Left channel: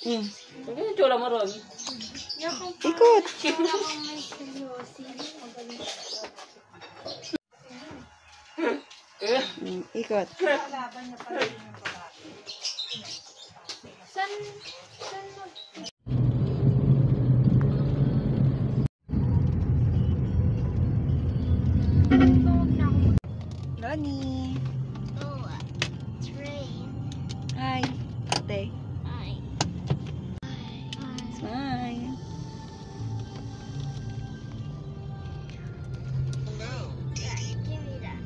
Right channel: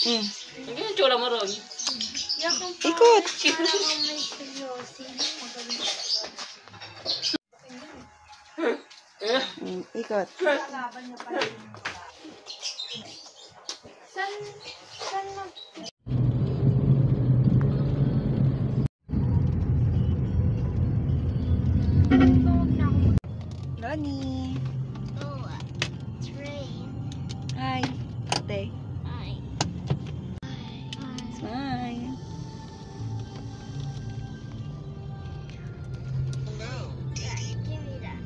Ang ganyan tsura mo ron. Ikot. Ikot. Ronnie. Oh, train. Hi. Ate. Hi. Smile. No. Yeah, give me that.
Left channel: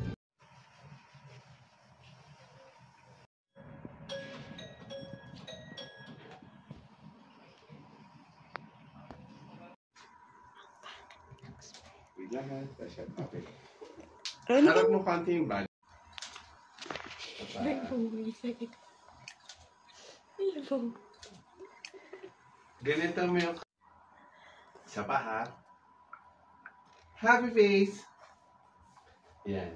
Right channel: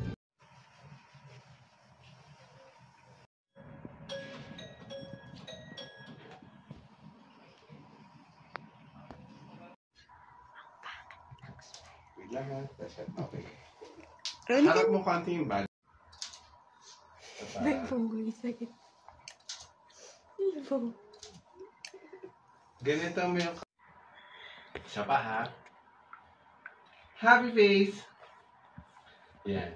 Biglang ha. Okay. Ronnie. Harap mo konti yung bag. Ganito mo yung... Isa pa ha. Happy face! Yan.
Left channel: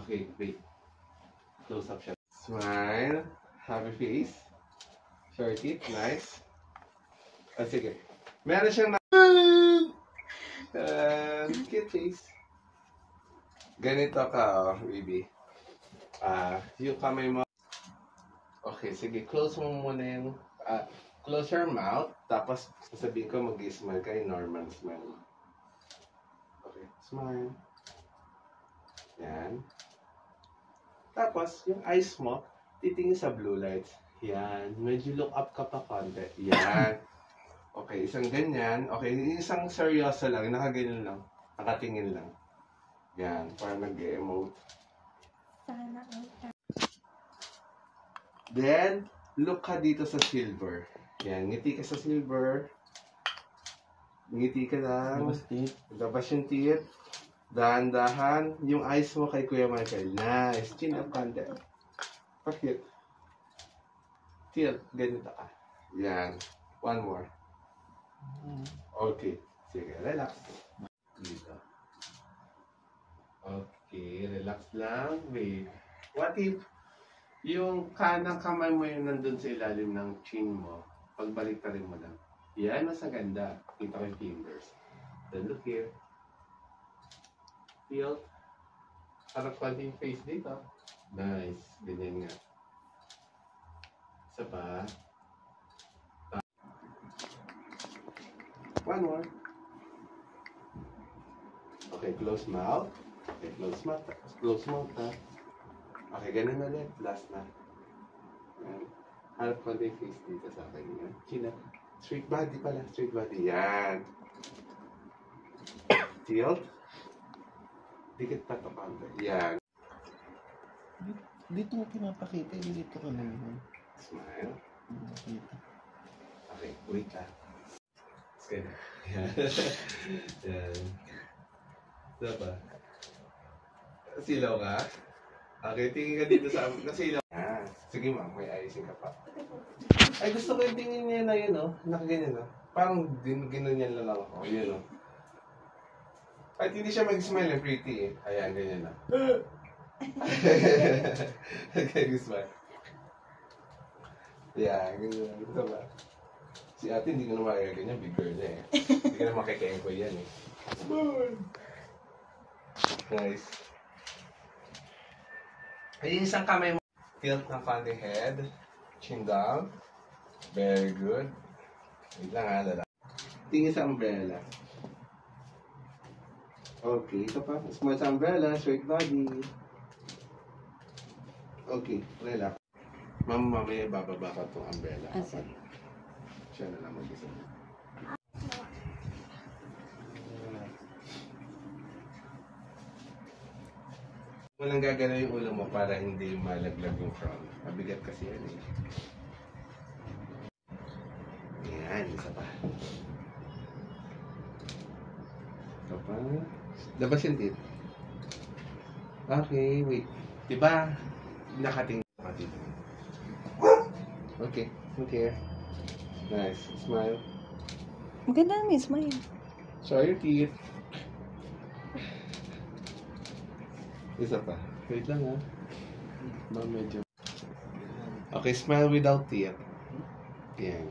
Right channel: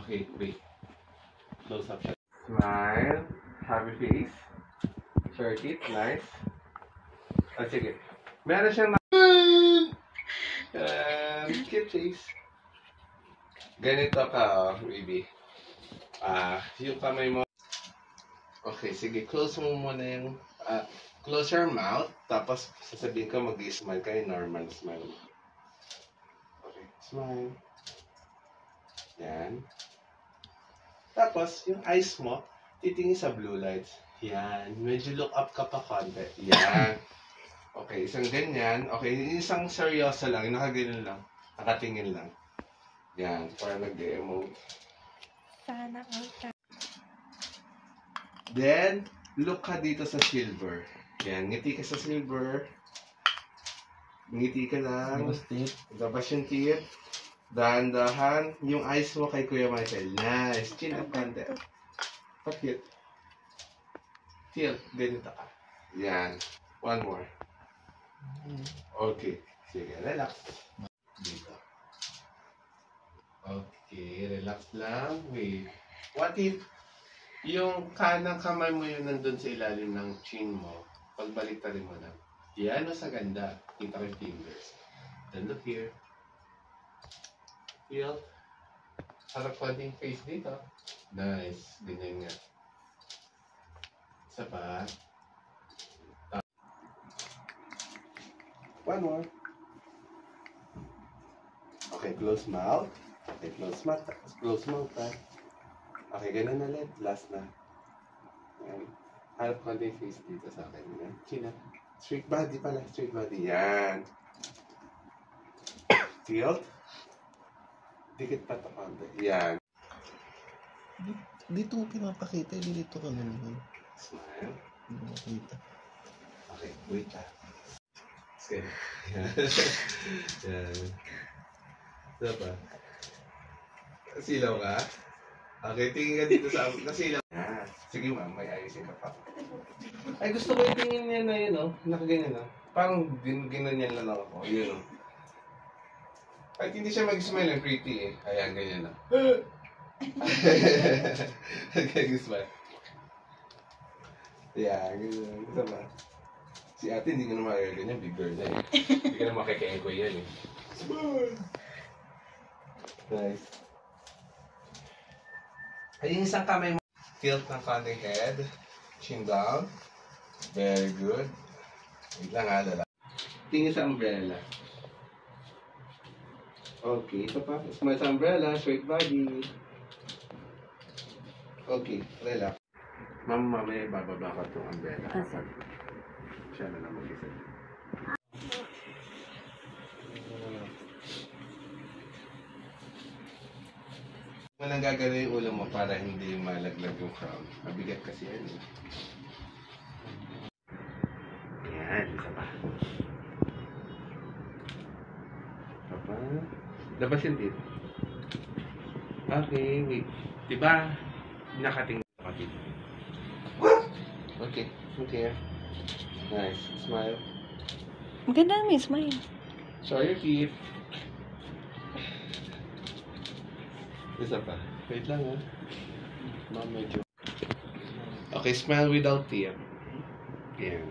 Okay, wait. Close up siya. Smile. Happy face. Short it. Nice. Ah, sige. Meron siyang cute face. Ganito ka, baby. Yung kamay mo. Okay, sige. Close mo muna yung... close your mouth. Tapos, sasabihin ko mag-smile kayo. Normal smile. Okay, smile. Yan. Tapos, yung eyes mo, titingin sa blue lights. Yan. Medyo look up ka pa konti. Yan. Okay, isang ganyan. Okay, isang seryoso lang. Nakaganyan lang. Nakatingin lang. Yan, para nag-emote. Sana all. Then, look ka dito sa silver. Yan, ngiti ka sa silver. Ngiti ka lang. Labas yung teeth. Dahan-dahan. Yung eyes mo kay Kuya Michael. Nice. Chin up konti. Pakit. Tilt. Ganito ka. Yan. One more. Okay. Sige, relax. Dito. Okay, relax lang. Wait. What if yung kanang kamay mo yun nandun sa ilalim ng chin mo, pagbalik rin mo lang. Yan o sa ganda. Kita ko yung fingers. Then look here. Feel. Harap konting face dito. Nice. Ganyan nga. Isa pa. One more. Okay, close mouth. Okay, close mouth. Close mouth, ha? Okay, ganun ulit. Last na. Yan. Harap ko yung face dito sa akin. Yan. Chin up. Straight body pala. Straight body. Yan. Tilt. Dikit pa ito konti. Yan. Dito mo pinapakita. Dito ka naman. Smile. Hindi makita. Okay, wait ha. Sige. Yan. Yan. Diba? Silaw ka? Okay, tingin ka dito sa silaw. Yan. Sige ma'am, may ayusin ka pa. Ay, gusto ko itingin niya na yun, oh. Nakaganyan, oh. Parang ginanyan lang ako. Yun, oh. Kahit hindi siya mag-smile, pretty, eh. Ayan, ganyan, oh. Nag-smile. Yeah, ganyan. Gusto ba? Si ate, hindi ka na makakaganyan. Big girl na, eh. Hindi ka na makakaengkoy yan, eh. Smile! Nice. Ay, yung isang kamay mo. Tilt ng konting head. Chin down. Very good. Wait lang ha, lala. Tingin sa umbrella. Okay, ito pa. Smile sa umbrella. Straight body. Okay, relax. Mama, mamaya ibababa ko itong umbrella. Asa? Siya na lang mag-isa. Walang gagana yung ulo mo para hindi malaglag yung crown. Mabigat kasi yan eh. Yan, isa pa. Isa pa. Labas yung teeth. Okay, wait. Diba? Nakatingin ka dito. Okay, okay. Nice. Smile. Maganda naman yung smile. Show your teeth. Isa pa. Wait lang ha. Ma'am, medyo. Okay, smile without tear. Yan.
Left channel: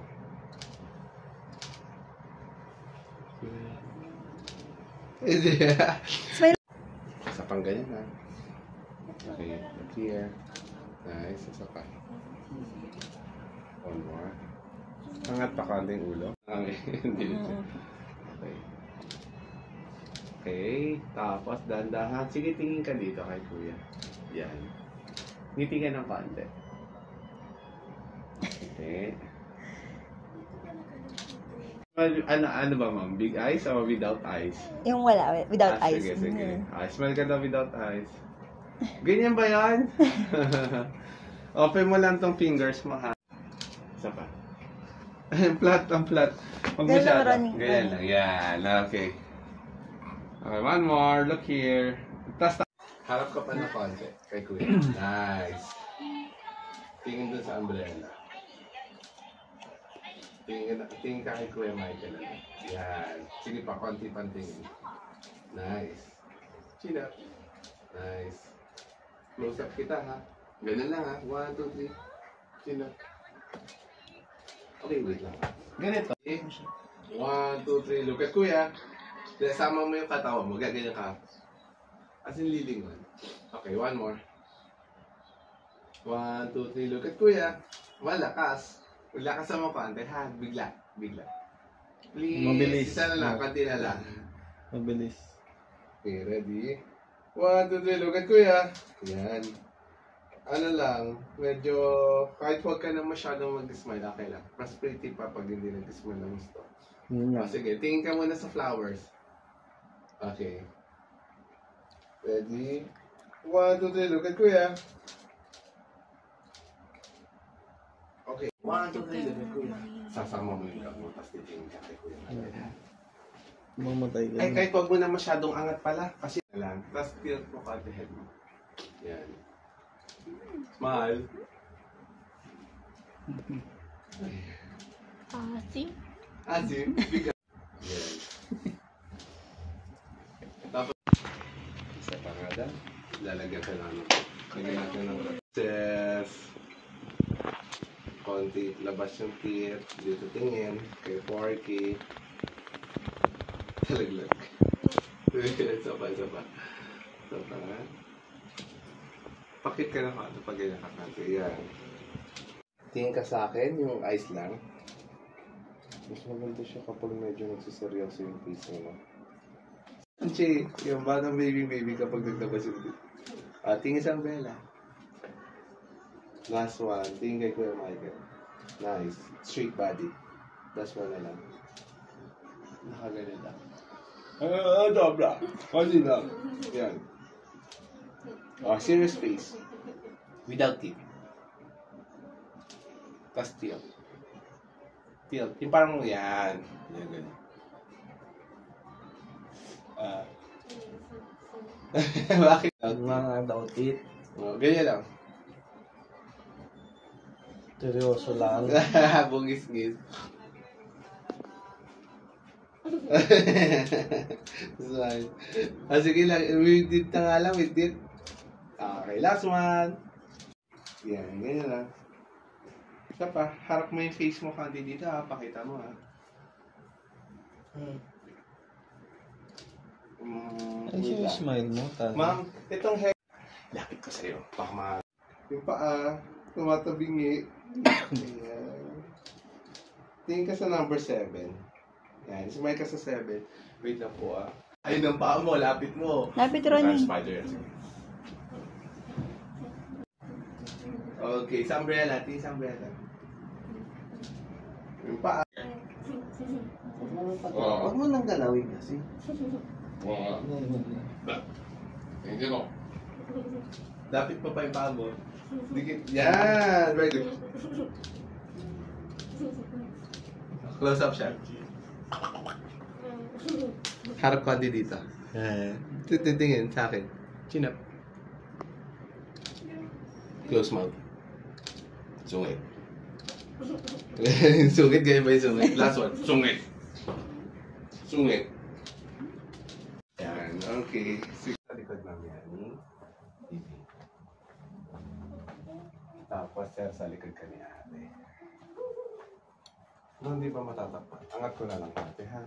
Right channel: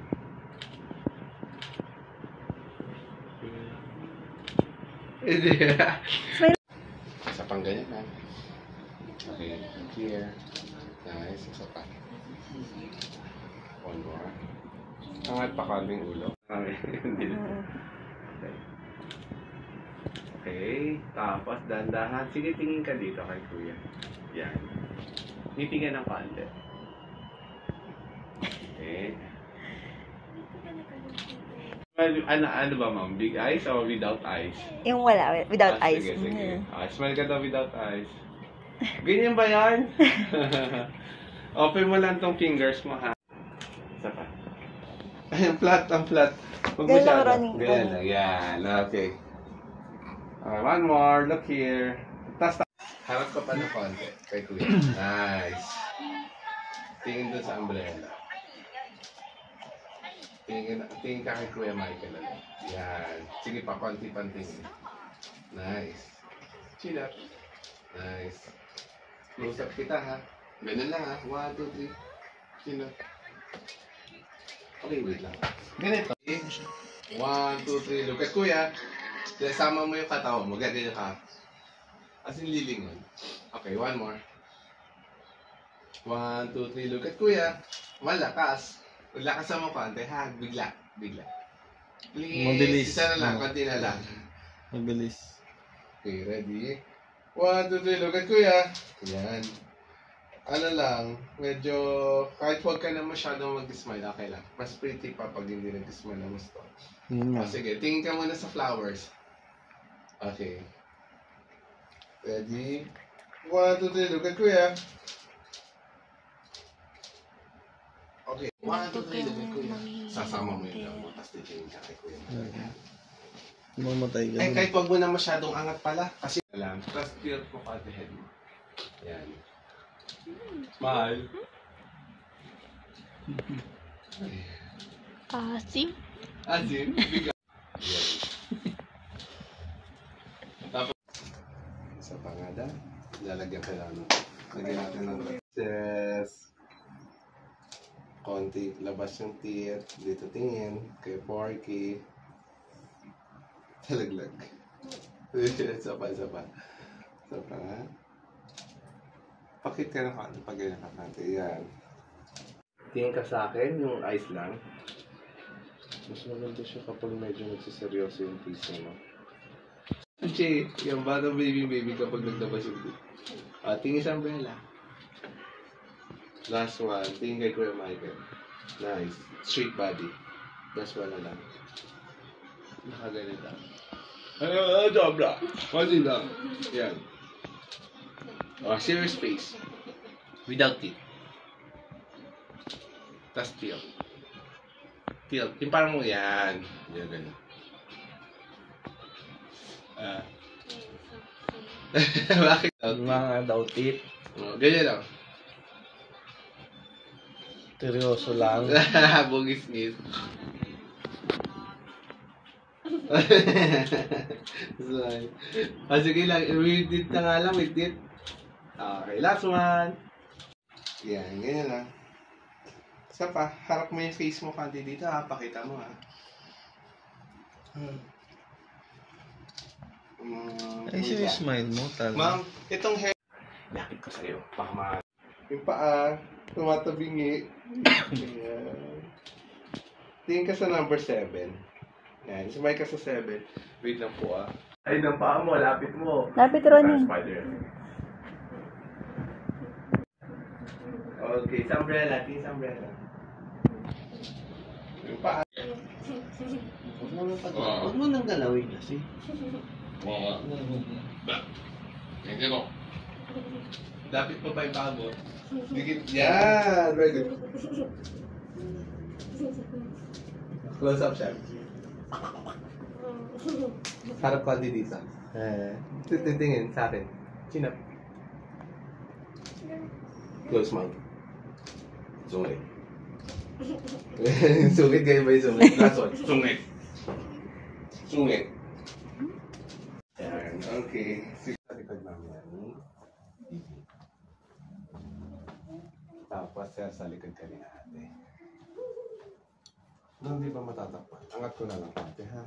Smile. Isa pang ganyan ha. Okay, here. Nice, isa pa. One more. Angat pa konting ulo. Okay, hindi na. Okay. Okay, tapos dandahan. Sige, tingin ka dito kay kuya. Yan. Titingnan ng konti. Okay. Ano ba ma'am? Big eyes or without eyes? Yung wala, without eyes. Sige, sige. Smile ka daw without eyes. Ganyan ba yan? Open mo lang tong fingers mo ha. Isa pa. Ang flat, ang flat. Huwag Ganyan lang, masyado. Ronnie. Ganyan lang. Yan. Okay. Okay, one more. Look here. Tapos, harap ka pa ng konti. Kay kuya. Nice. Tingin dun sa umbrella. Tingin ka kay Kuya Michael. Yan. Sige pa, konti pang tingin. Nice. Chill up. Nice. Close up kita ha. Ganun lang ha. 1, 2, 3. Chill up. Okay, wait lang. Ganito. Okay. 1, 2, 3. Look at Kuya. Sama mo yung katawan mo. Ganyan ka. As in lilingon. Okay, one more. 1, 2, 3. Look at Kuya. Malakas. Lakas mo konti ha. Bigla. Bigla. Please. Mabilis. Isa na lang. Konti na lang. Mabilis. Okay, ready? 1, 2, 3. Look at Kuya. Yan. Ano lang. Medyo kahit huwag ka na masyadong mag-smile. Okay lang. Mas pretty pa pag hindi nag-smile na gusto. Yun yan. Sige, tingin ka muna sa flowers. Okay. Ready? 1, 2, 3. Look at Kuya. Okay. 1, 2, 3. Look at Kuya. Sasama mo yung mo. Tapos titingin ka kay Kuya. Mamatay ka. Ay, kahit wag mo na masyadong angat pala. Kasi lang. Tapos tilt mo ka the head mo. Yan. Smile. See? Asim. Biga. Yan. Tapos, isa pa nga daw. Lalagyan ka lang. Lagyan natin ng process. Konti, labas yung teeth. Dito tingin. Kay Porky. Talaglag. Isa pa, isa pa. Isa pa nga. Pakit ka na ka. Pag ganyan ka natin. Yan. Tingin ka sa akin, yung eyes lang. Mas maganda siya kapag medyo nagsiseryoso yung face mo. Che, yung batang baby kapag naglabas yung teeth. Tingin sa umbrella. Last one. Tingin kay Kuya Michael. Nice. Straight body. Last one na lang. Nakagalit lang. Dobra. Konti lang. Yan. Serious face. Without teeth. Tapos tilt. Tilt. Yung parang yan. Yan, ganyan. Bakit? Mga dautit. Ganyan lang. Seryoso lang. Bugis-gis. Sorry. Sige lang. With it na nga lang. With it. Okay. Last one. Yan. Ganyan lang. Isa pa. Harap mo yung face mo kanti dito ha. Pakita mo ha. Ay, siya yung smile mo. Ma'am, itong hair. Lapit ko sa'yo. Baka mahal. Yung paa. Tumatabingi. Ayan. Tingin ka sa number 7. Yan. Sumay ka sa 7. Wait lang po ah. Ay, ng paa mo. Lapit mo. Lapit, Ronnie. Spider. Okay. Sa umbrella. Tingin sa umbrella. Yung paa. Huwag mo nang galawin kasi. Hindi ko. Lapit mo pa yung paa mo. Yan! Very good. Close up siya. Harap ko dito. Titingin sa akin. Chin up. Close mouth. Sungit. Sungit ganyan ba yung sungit? Last one. Sungit. Sungit. Yan. Okay. Sige. Likod ma'am yan. Tapos Tapos sa likod ka ni ate. No, hindi pa matatakpan. Angat ko na lang ate, ha?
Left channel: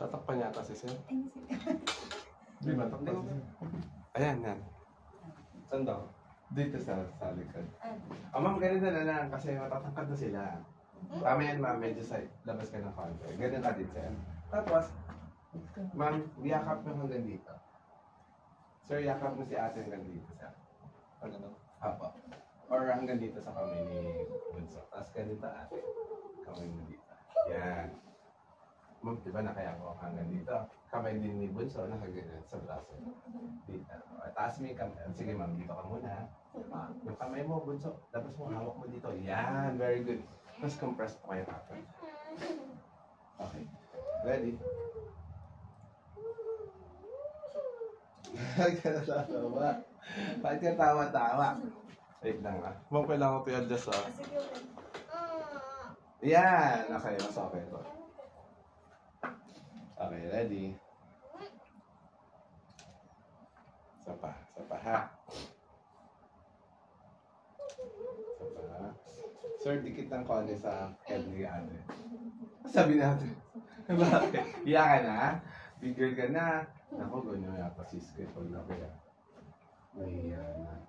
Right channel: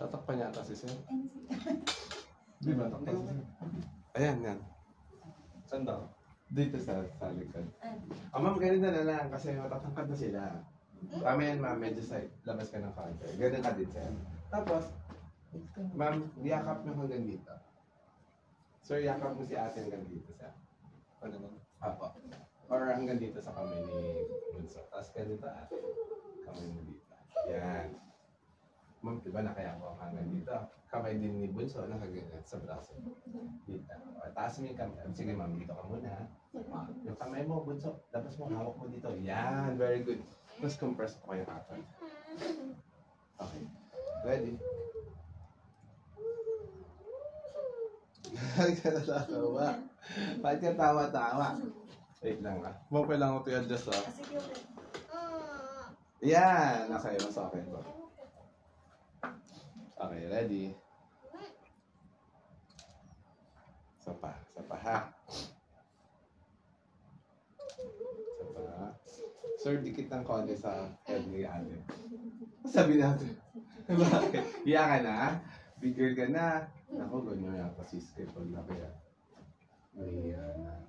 Tatakpan yata si Sir. Di ba takpan si Sir? Ayan, yan. Saan daw? Dito sa likod. Ma'am, ganito na lang kasi matatangkad na sila. Tama yan, ma'am. Medyo sa labas ka ng konti. Ganun ka din, Sir. Tapos, ma'am, yakap mo hanggang dito. Sir, yakap mo si ate hanggang dito, Sir. Ano? Apo. Or hanggang dito sa kamay ni Bunso. Tapos ganito, ate. Kamay mo dito. Yan. Ma'am, diba nakayako ako hanggang dito? Kamay din ni Bunso, nakaganyan sa braso. Dito. Taas mo yung kamay. Sige, ma'am, dito ka muna. Yung kamay mo, Bunso, labas mo, hawak mo dito. Yan, very good. Mas compress ko kayo kapag. Okay. Ready? Nagkatawa. Bakit ka tawa-tawa? Wait lang ah. Ma'am, kailangan ko to i-adjust ah. Yan! Okay, mas okay to. Okay, ready? Sapa ha. Sapa ha. Sir, dikit ng konti sa head ni ate. Sabi natin. Bakit? Iya ka na? Bigger ka na? Ako, ganyan yata si Skip pag na kaya. May na.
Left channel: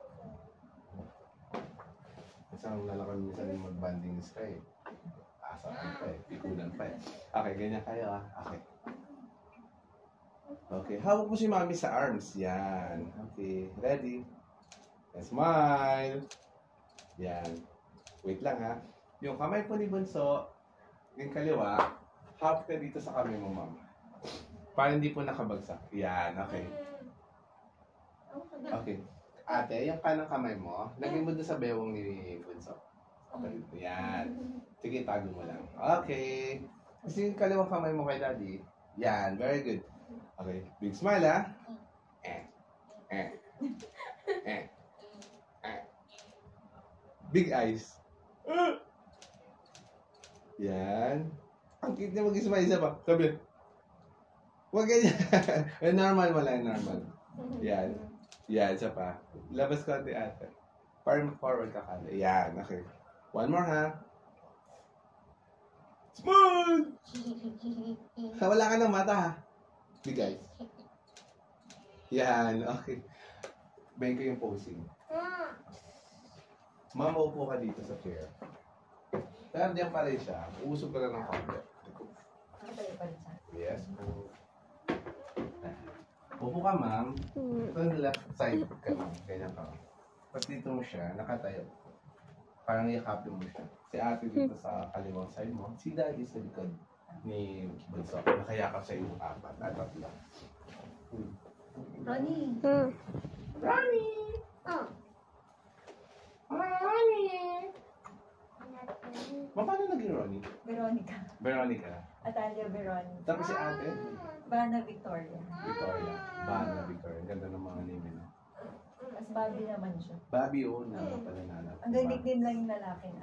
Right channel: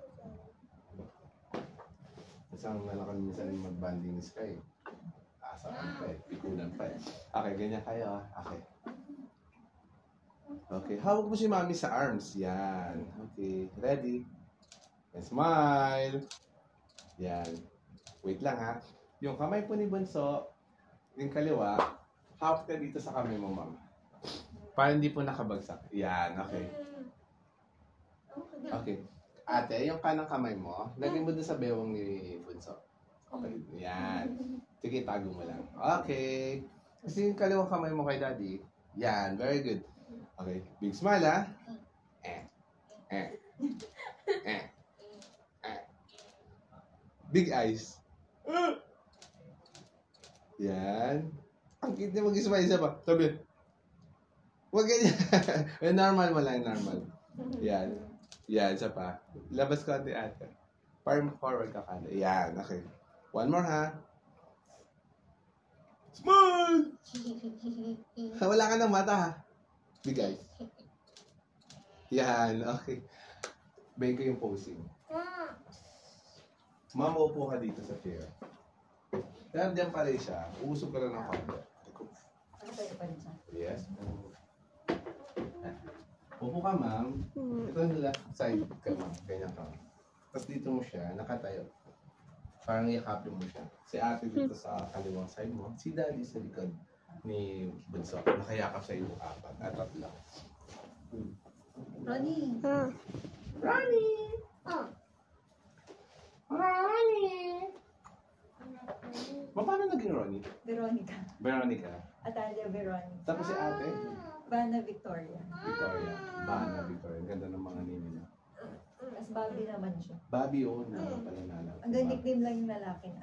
Isang nalakan minsan mag-banding ni Sky. Asaan pa eh. Pikulan pa eh. Okay, ganyan kayo ah. Okay. Okay, hawak mo si mami sa arms. Yan. Okay, ready? And smile. Yan. Wait lang ha. Yung kamay po ni Bunso, yung kaliwa, hawak ka dito sa kamay mo, ma'am. Para hindi po nakabagsak. Yan, okay. Okay. Ate, yung kanang kamay mo, lagyan mo doon sa bewang ni Bunso. Okay. Yan. Sige, tago mo lang. Okay. Kasi yung kaliwa kamay mo kay Daddy. Yan, very good. Okay, big smile ha. Big eyes. Yan. Ang cute niya mag-smile isa pa. Sabi. Huwag ganyan. Normal mo lang, normal. Yan. Yan, isa pa. Labas ko ate ate. Forward ka kala. Yan, okay. One more ha. Smile! Wala ka ng mata ha. Big eyes. Yan, okay. Bayin ko yung posing. Ma'am, upo ka dito sa chair. Pero diyan pa rin siya. Uusog ka lang ng konti. Nakatayo pa rin siya. Yes. Upo ka, ma'am. Ito ang left side ka, ma'am. Ganyan ka. Tapos dito mo siya, nakatayo. Parang yakapin mo siya. Si ate dito sa kaliwang side mo. Si daddy sa likod ni Bunso. Nakayakap sa iyo apat. At tatlo. Ronnie! Ronnie! Oh. Ronnie! Paano naging Ronnie? Veronica. Veronica. Atalia Veronica. Tapos si ate? Bana Victoria. Victoria. Bana Victoria. Ang ganda ng mga name nila. Tapos Bobby naman siya. Bobby, oh, pala nalala. Hanggang nickname lang yung lalaki na.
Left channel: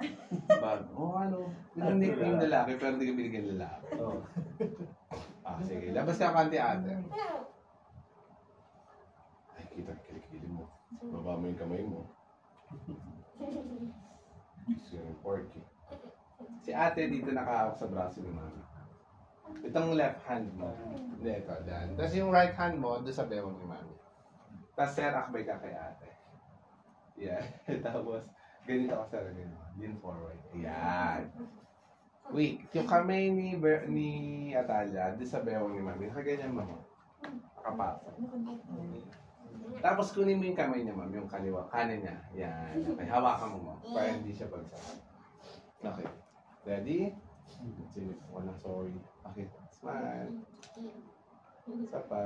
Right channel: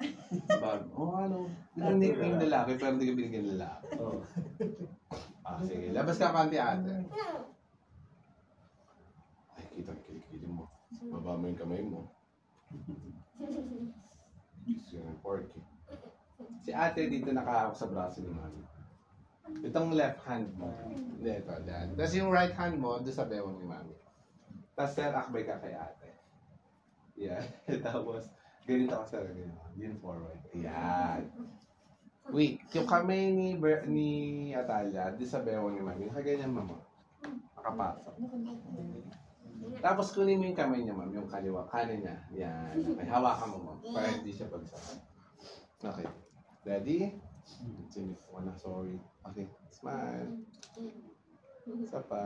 Bobby. Oh, ano? Yung nickname lalaki, pero hindi ka binigyan lalaki. Oo. Sige. Labas ka kanti ate. Ay, kita ang kilikilin mo. Baba mo yung kamay mo. Yung porky. Si ate dito nakahawak sa braso ni mami. Itong left hand mo. Dito, dyan. Tapos yung right hand mo, doon sa bewang ni mami. Tapos sir, akbay ka kay ate. Yeah. Tapos, ganito ka sa lagay mo. Lean forward. Ayan. Wait, yung kamay ni Atalia, doon sa bewang ni mami, nakaganyan mo. Nakapasok. Tapos kunin mo yung kamay niya, ma'am, yung kaliwa, kanan niya. Yan. Okay, hawakan mo, ma'am. Para hindi siya bagsak. Okay. Ready? Sinip ko na, sorry. Okay. Smile. Isa pa.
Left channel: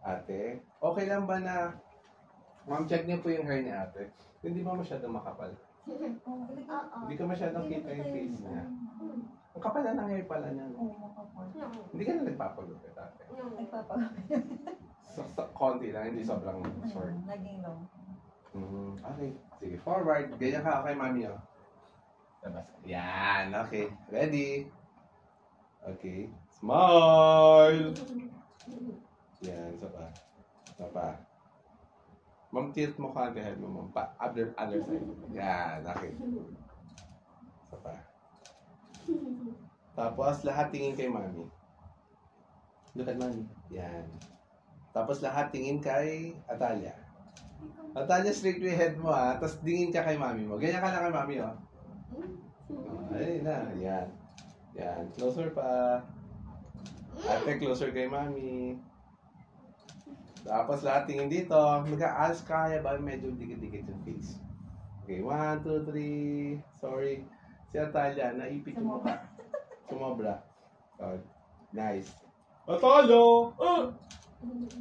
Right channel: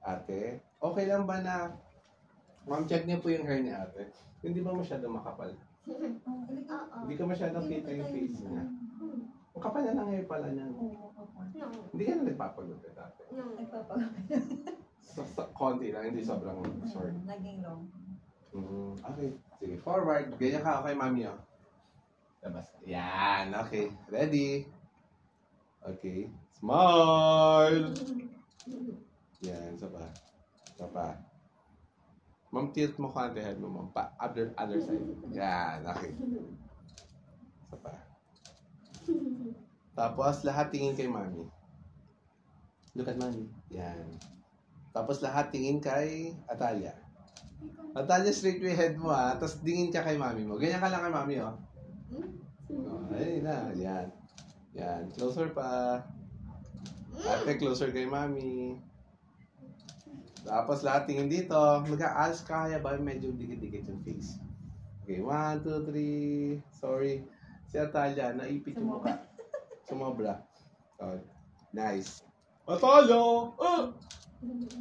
Ate, okay lang ba na, ma'am, check niyo po yung hair ni ate. Hindi ba masyadong makapal? Hindi ka masyadong kita yung face niya. Ang kapal na ng hair pala niya. Hindi ka na nagpapagupit, ate. Nagpapagawin. Sa konti lang, hindi sobrang short. Naging long. Okay, sige. Forward. Ganyan ka kay mami, oh. Labas. Yan, okay. Ready? Okay. Smile! Yan, isa pa. Isa pa. Ma'am, tilt mo ka ang head mo, ma'am. Other side. Yan, okay. Isa pa. Tapos, lahat tingin kay mami. Look at mami. Yan. Tapos, lahat tingin kay Atalia. Atalia, straight yung head mo, ha. Tapos, tingin ka kay mami mo. Ganyan ka lang kay mami, oh. Oh, ayun na. Yan. Yan. Closer pa. Ate, closer kay mami. Tapos lahat tingin dito. Mag-a-ask ka kaya ba medyo dikit-dikit yung face. Okay, 1, 2, 3. Sorry. Si Atalia, naipit yung mukha. Sumobra. Oh, nice. Atalia! Ah!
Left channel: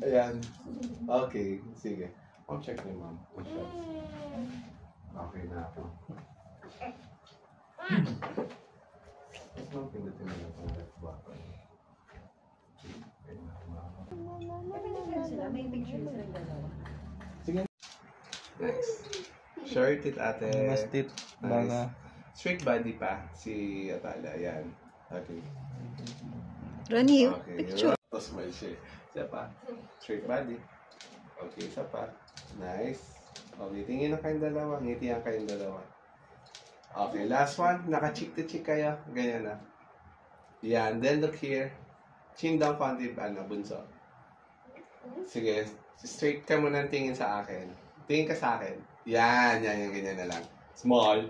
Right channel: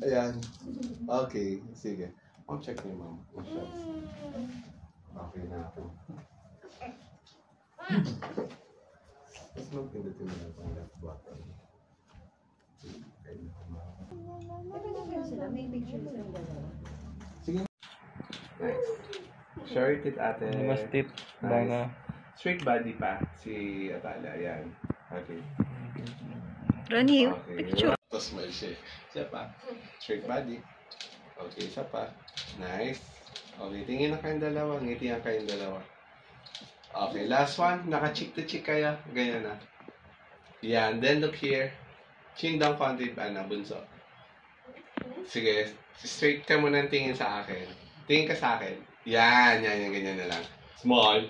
Ayan. Okay, sige. I'll check ni ma'am. Okay na ako. Mas mag-pindutin mo na itong left button. Sila, may picture silang dalawa. Sige. Nice. Short it, ate. Mas tit. Nice. Baka. Straight body pa si Atala. Ayan. Okay. Ronnie, Okay. Tapos smile siya. Siya pa. Straight body. Okay, isa pa. Nice. Okay, tingin na kayong dalawa. Ngiti ang kayong dalawa. Okay, last one. Naka-cheek to cheek kayo. Ganyan na. Yan. Then look here. Chin down konti pa na, bunso. Sige. Straight ka muna ng tingin sa akin. Tingin ka sa akin. Yan. Ganyan na lang. Small.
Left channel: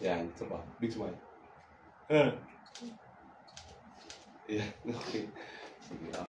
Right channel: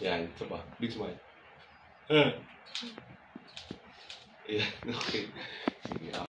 Yan. Ito pa. Big smile. Yan. Okay. Sige.